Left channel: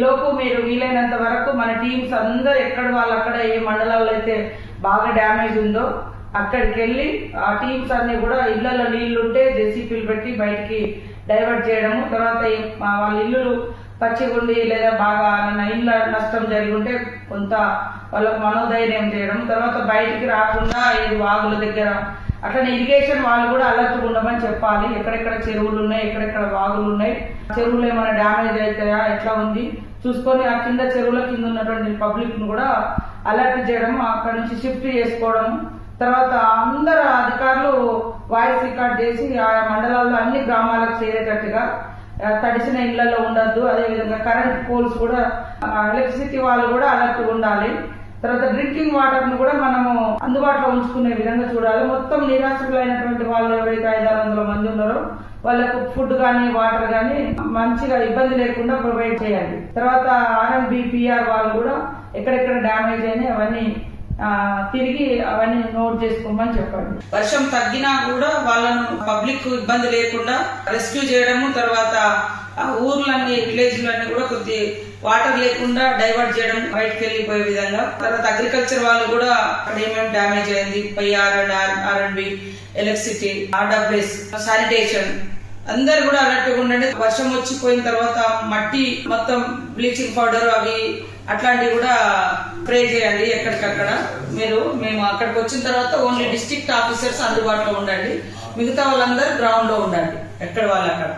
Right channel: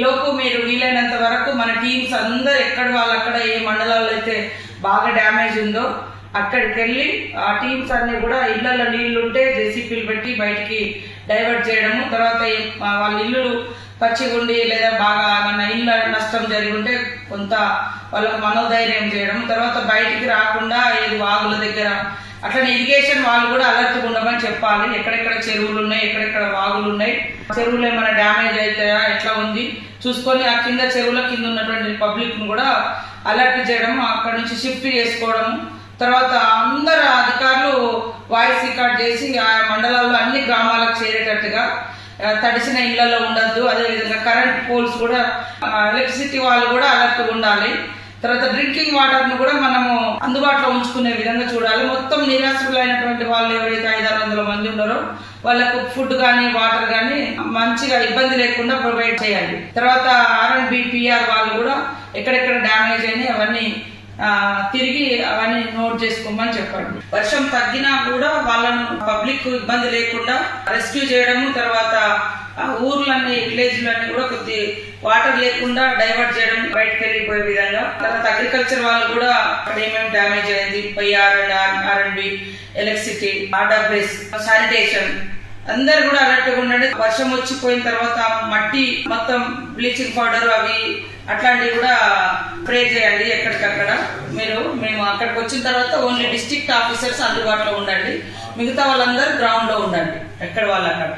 లోపు మీరు వీలైనంత వరకు మన టీమ్స్ అందరు ఎక్కడ వాళ్ళు అక్కడ ఏ మండలాల్లో అయితే బాగా డ్యామేజ్ ఉందో అక్కడికి వెళ్ళి ఆ టీమ్స్ అన్ని కూడా ఇళ్ళలో నీళ్ళుంటే జేసీపీలు పెట్టి బయటికి డైవర్ట్ చేయడము తర్వాత వాళ్ళ ఇల్లులు పచ్చిగుండి లేదా బాగా ఏమన్నా ఇల్లు నష్టం జరిగి ఉంటే కొంత వాళ్ళకు మనోధైర్యం చేయడం తర్వాత బయటికి రాకుండా ఏది వాగుల దగ్గర అట్లనే ఇరిగేషన్ వాళ్ళు కూడా అలర్ట్గా ఉండమని చెప్పాలి. ఎక్కడెక్కడ చెరువులు ఉన్నాయి ఎక్కడెక్కడ వాగులు ఉన్నాయి చెరువులు ఏమైనా డ్యామేజ్ అవుతాయా ఎట్లా ఉంది? చూసుకొని ఆ కింద చెరువుల కింద ఉన్నటువంటి పబ్లిక్ను కూడా అలర్ట్ చేయడం అక్కడ నుంచి షిఫ్ట్ చేసుకోవడం తర్వాత అందరు అధికారులు వాయిస్ రికార్డ్ చేసి ఆ మండలాల్లో అన్ని గ్రామాలకు చేరేటట్టుగా తడిసిన ఇళ్ళలో ఉండద్దు. అదేవిధంగా కరెంట్ పోల్స్ కూడా ఎలక్ట్రిసిటీ వాళ్ళు కూడా అలర్ట్ ఉండాలి. తర్వాత డ్రింకింగ్ వాటర్ను కూడా మనము అందుబాటులో ఉంచుకునే విధంగా చూడాలి. మొత్తం నిరాశ్రులైనటువంటి వాళ్ళు ఎవరైతే ఐదారు వందల మంది ఉన్నారో వాళ్ళకు ఫుడ్ కానీ వాటర్ కానీ మంచిగా ఇబ్బంది లేకుండా ప్రొవైడ్ చేయాలి. తర్వాత ఆర్ బిపిఆర్ వాళ్ళు కూడా ఎక్కడెక్కడ డ్యామేజ్ అయినాయి అవన్నీ తిరిగి అవన్నీ నోట్ చేసుకోమని చెప్పండి. వర్షం తగ్గినా కూడా వాళ్ళను పబ్లిక్ ఇబ్బంది లేకుండా రెస్క్యూ చేయడము తర్వాత ఊర్లని ఊర్లన్నీ విలేజ్లన్నీ కూడా కొద్ది వాటర్ లేకుండా డైవర్ట్ చేయడం బయటకు వెళ్ళిపోయే విధంగా. తర్వాత అగ్రికల్చర్ వాళ్ళు కూడా అక్కడ ఏమేమి డ్యామేజ్ అయింది PR and R and B electricity RWS sanitation. అందరు కూడా అలర్ట్గా ఉండండి. వర్షం వచ్చిపోయిన తర్వాత మట్టి మొత్తం బ్లీచింగ్ పౌడర్ అవి అట్లాంటివి కూడా స్ప్రే చేయండి ఎక్కడికక్కడ. మీరు మేము అక్కడికి వచ్చిన తర్వాత ఓన్లీ డిస్ట్రిక్ట్ ఆఫీసర్స్ అందుబాటులో ఉండండి. మిగతా వాళ్ళందరూ గ్రౌండ్లో ఉండండి ఎక్కడ వాళ్ళు అక్కడ